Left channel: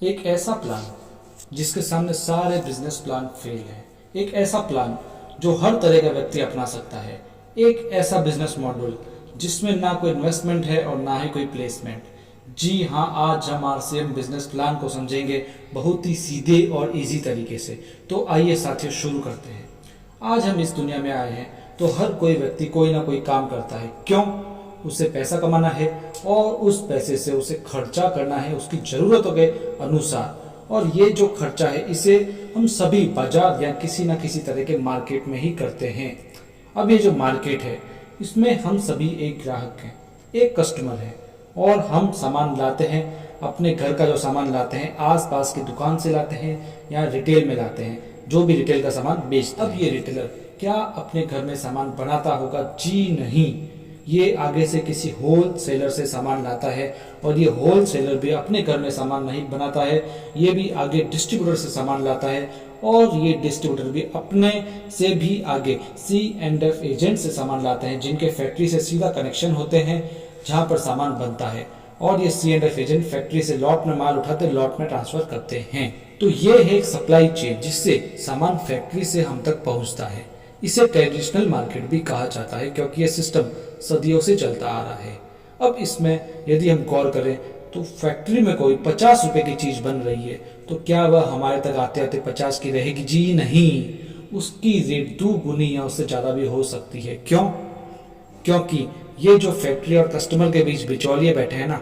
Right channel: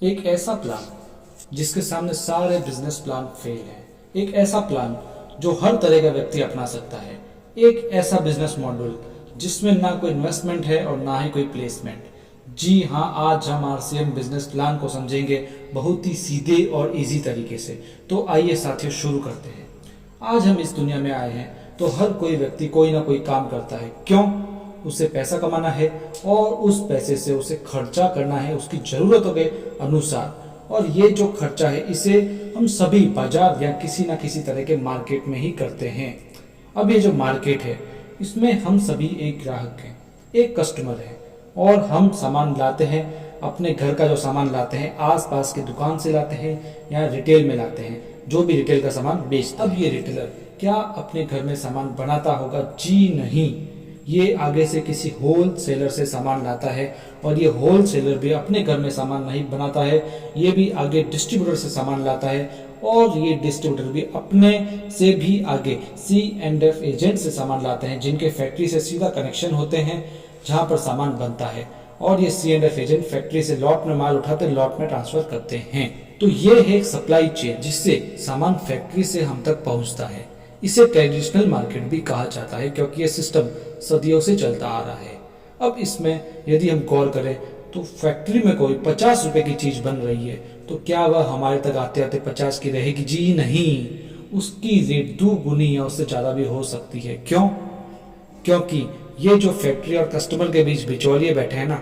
एक ऐसा प्लान जिसके सामने सारे बिजनेस प्लान फेल हैं। एक ऐसा प्लान जो हर तरह का व्यक्ति अपना सकता है। एक ऐसा बिजनेस मॉडल जिसमें ना कोई इन्वेस्टमेंट है और ना ही कोई प्लेसमेंट। जी हाँ, आज हम आरसीएम बिजनेस प्लान को समझेंगे बहुत ही सीधे और इजी तरीके से। तो आइए साथियों, शुरू करते हैं। आज हम इस दुनिया में आए हैं तो हर कोई व्यक्ति कोई ना कोई काम करता है। क्यों? उसे पैसा कमाना है और उस पैसे से उसे खर्चा करना है उसकी ज़रूरतों के अनुसार। और ये जो खर्चा है इसे हम सभी बाजार या किसी ना किसी तरह के मार्केट में ही करते हैं। अब ये जो मार्केट है इसमें हम सभी एक ग्राहक हैं, एक कस्टमर है, और हम सामान लाते हैं। अपने घर का जो सामान लाते हैं आसपास की दुकान से लाते हैं या रिटेल में लाते हैं, जो भी रिटेल का सामान बेचता है। अब ये रिटेलर क्या अपने घर में सामान बनाता होगा? जी नहीं, ये आगे से किसी होल सेलर से सामान लाता है, और ये होल सेलर भी अपने घर में सामान नहीं बनाता है, ये भी आगे डिस्ट्रीब्यूटर से सामान लाता है, और ये डिस्ट्रीब्यूटर भी अपने से भी आगे C&F एजेंट से सामान लाते हैं, जिनके फैक्ट्री से सीधा कनेक्शन होते हैं जहां पर सामान बनता है। और ये C&F एजेंट फैक्ट्री से लॉट में माल उठाते लॉट में ट्रांसफर करते हैं। तो ये है एक सप्लाई चेन जिससे सामान फैक्ट्री से हम तक पहुंचता है। इसे ट्रेडिशनल मार्केट भी कहा जाता है क्योंकि यह सिस्टम सदियों से चलता आ रहा है। अब इसमें यदि हम गौर करें तो फैक्ट्री में कोई 50 रुपए की चीज बन रही है तो क्या वह हमारे तक आते आते 50 की रहेगी? जी नहीं, उसकी रेट 2 गुनी या उससे ज्यादा भी हो सकती है। क्यों? क्योंकि ये जो फैक्ट्री और कस्टमर के बीच बिचौलिए बैठे हैं ना,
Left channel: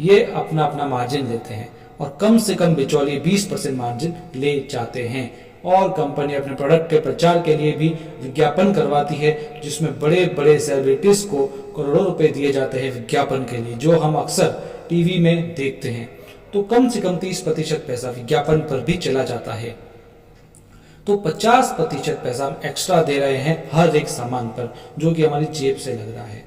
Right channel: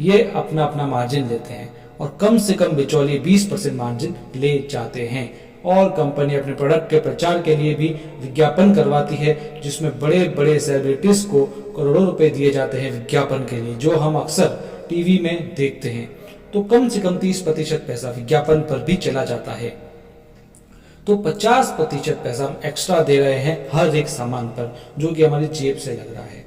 ये अपना अपना मार्जिन लेते हैं, और कम से कम बिचौलिए 20% मार्जिन ले जाते हैं। और कंपनी अपने प्रोडक्ट के प्रचार के लिए भी विज्ञापन करवाती है, जिसमें बड़े बड़े सेलिब्रिटीज को करोड़ों रुपए दिए जाते हैं विज्ञापन के लिए, जो हम अक्सर टीवी में देखते हैं। तो कम से कम 30% पैसा विज्ञापन पर भी चला जाता है। तो 50% पैसा हम एक्स्ट्रा दे रहे हैं हर एक सामान पर, जो कि हमारी जेब से लग रहा है।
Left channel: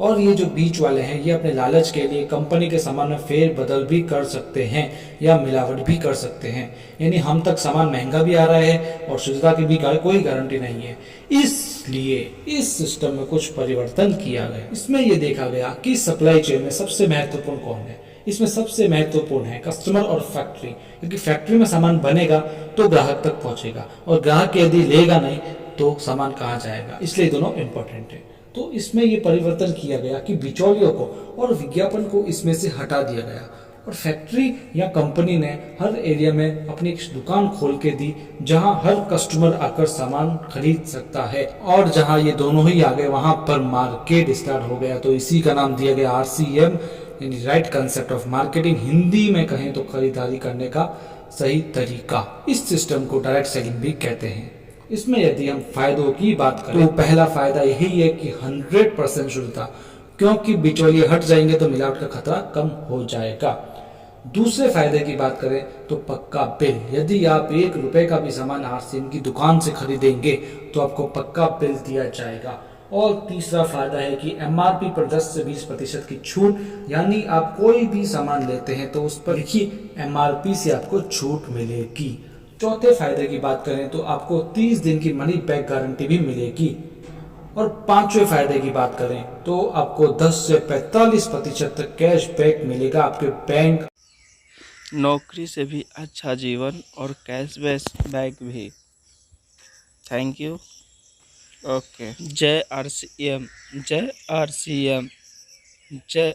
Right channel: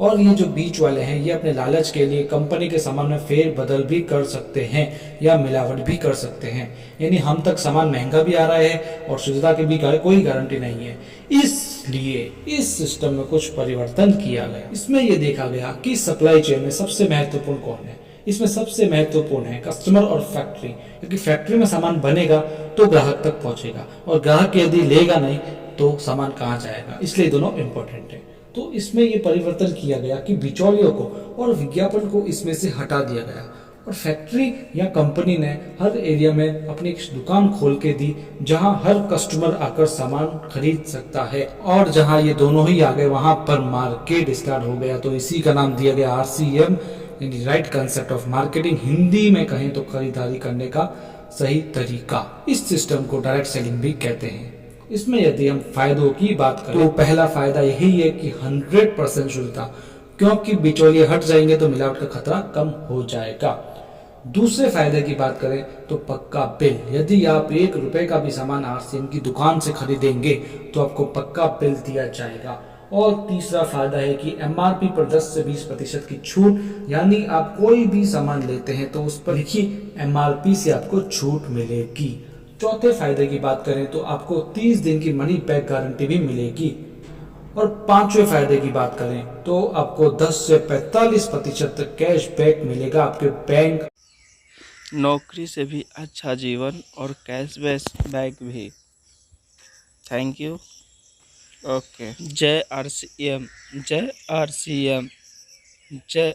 और ये जो बीच वाले हैं ये अपने लालच के लिए कंपनी के सामान में फेर बदल भी कर सकते हैं या मिलावट भी कर सकते हैं। यानी हम तक सामान महंगा भी आ रहा है और शुद्धता की भी कोई गारंटी नहीं है। इसलिए इस सिस्टम में कुछ परिवर्तन किया गया। इसमें यह देखा गया कि सप्लाई चेन में सबसे महत्वपूर्ण कौन है। इसमें सबसे महत्वपूर्ण है कस्टमर और फैक्ट्री, क्योंकि फैक्ट्री में सामान बनेगा तो ग्राहक तक पहुंचेगा, और ग्राहक यदि लेगा नहीं तो सामान कहाँ जाएगा। इसलिए दोनों इंपॉर्टेंट है। तो इसमें यह परिवर्तन किया गया कि बिचौलियों को और विज्ञापन को इसमें से हटा दिया गया, और फैक्ट्री या कंपनी ने हर एरिया में अपनी एक दुकान खोल के दी जहां हर कस्टमर आकर सामान खरीद सकता है। और जहां ये दोनों ही आ गए वहां पर मार्केट स्टार्ट हो गया। तो इसी का नाम दिया गया RCM, यानी right concept of marketing. Hindi में कहें तो खरीदारी करने का सही तरीका। इस सिस्टम को डायरेक्ट सेलिंग भी कहते हैं। इसमें यदि हम फायदों की बात करें तो पहला फायदा यही है कि 100% शुद्धता, क्योंकि बिचौलिए हट जाएंगे तो मिलावट का खतरा कम हो जाएगा। दूसरे फायदे की बात करें तो पक्का बिल। यदि आप 1 रुपए का भी सामान RCM की दुकान से खरीदेंगे तो आपको पक्का बिल दिया जाएगा। और तीसरा फायदा है कि MRP पर 10 से 20% की छूट, यानी आप कोई भी सामान लेते हैं तो उस पर लिखी MRP से आपको छूट मिलेगी। चौथे फायदे की बात करें तो आपको 30 दिन की मनी बैक गारंटी भी मिलेगी। और पांचवें फायदे की बात करें तो आपको 10 से 45% तक कैश बैक मिलेगा आपके बैंक। नौकरी से भी अच्छा जीवन और कैशबैक भी। Thank you. ओके। जय RCM, जय RCM, जय